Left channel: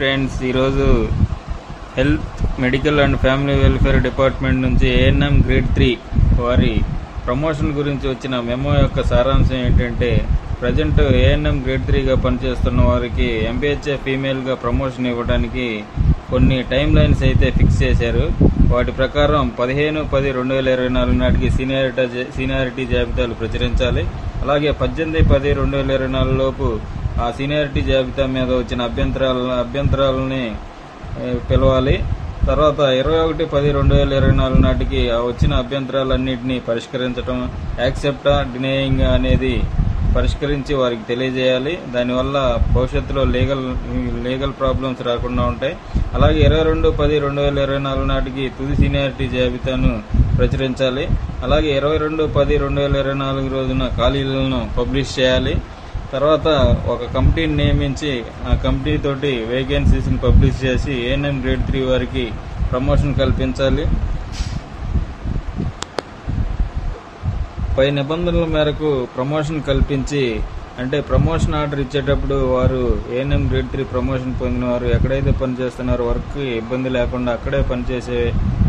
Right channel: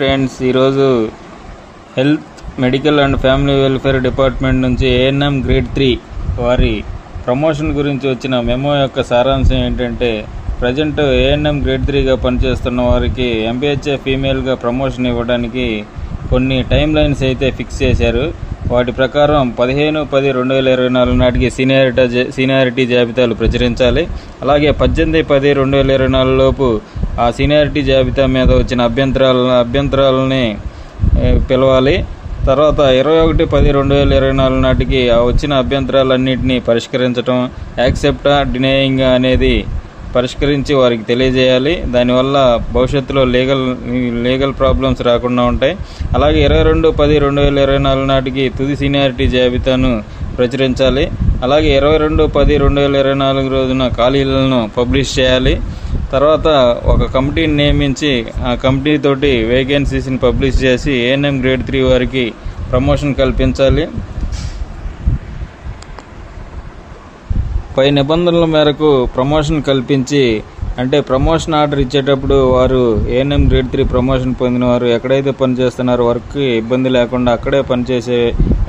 Friends, ఈరోజు health, medical and family welfare department నుంచి ANM grade 3 వారి ప్రమోషన్ గురించి వచ్చిన మెమో యొక్క సారాంశం ఏంటంటే, ప్రజెంట్ ఏఎన్ఎం గ్రేడ్ 3గా పనిచేస్తున్న వారికి ఎంపీహెచ్ఏ ఫీమేల్గా ప్రమోషన్ ఇవ్వడానికి కొన్ని టైమ్ లైన్స్ అయితే ఫిక్స్ చేశారు. వాటి ప్రకారం 15/10/2024 నాటికి సీనియారిటీ జాబితాలు ప్రచురించాలి. అలాగే 18/10/2024 లోపు ఆ సీనియారిటీ జాబితా మీద వచ్చిన అభ్యంతరాలని పిలవాలి. తర్వాత 21/10/2024 నాటికి ఆ వచ్చిన అభ్యంతరాలన్నింటినీ పరిష్కరించడం, యాక్సెప్టా డినేయింగ్ అనేది పరిష్కరించి వారికి తెలియజేయాలి. దానివల్ల భవిష్యత్తులో లీగల్ ప్రాబ్లమ్స్ రాకుండా ఉంటాయి. అలాగే 22/10/2024 నాటికి తుది సీనియారిటీ జాబితాను ప్రచురించాలి. అలాగే 22/10/2024 రోజున ఖాళీలను పబ్లిష్ చేయాలి. తర్వాత ఒక కమిటీని నియమించి ఆ కమిటీ తోటి వేకెన్సీస్ని పబ్లిష్ చేసి ఏఎన్ఎం గ్రేడ్ 3 వారికి ప్రమోషన్ కల్పించాలి. పై నిబంధనల మేరకు ప్రమోషన్ కల్పించి, అంటే ప్రమోషన్ ఆర్డర్ ఇచ్చేటప్పుడు వారు ఏఎన్ఎం గ్రేడ్ 3 ప్రమోషన్ పొందిన వారు ఎక్కడైతే పనిచేస్తున్నారో వర్క్కి ఇబ్బంది లేకుండా అక్కడే పనిచేసే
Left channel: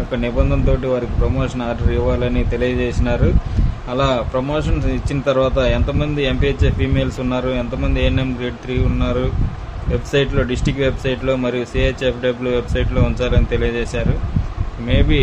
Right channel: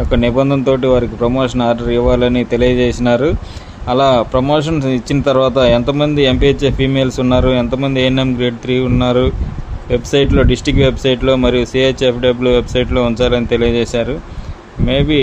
ఒక నిబంధనతో వారికి ప్రమోషన్ ఆర్డర్ ఇవ్వాలని తెలియజేసినారు. అలా ప్రమోషన్ ఇచ్చిన తర్వాత ఎంతమంది ఎంపీహెచ్ఏ ఫీమేల్స్ ఉన్నారు, ఎంతమంది ఏఎన్ఎం గ్రేడ్ 3 ఉన్నారు వెబ్సైట్లో, డిస్టిక్ వెబ్సైట్లో మరియు సిహెచ్ఎఫ్డబ్ల్యూ వెబ్సైట్లో ఉంచాలని తెలియజేశారు. మేబీ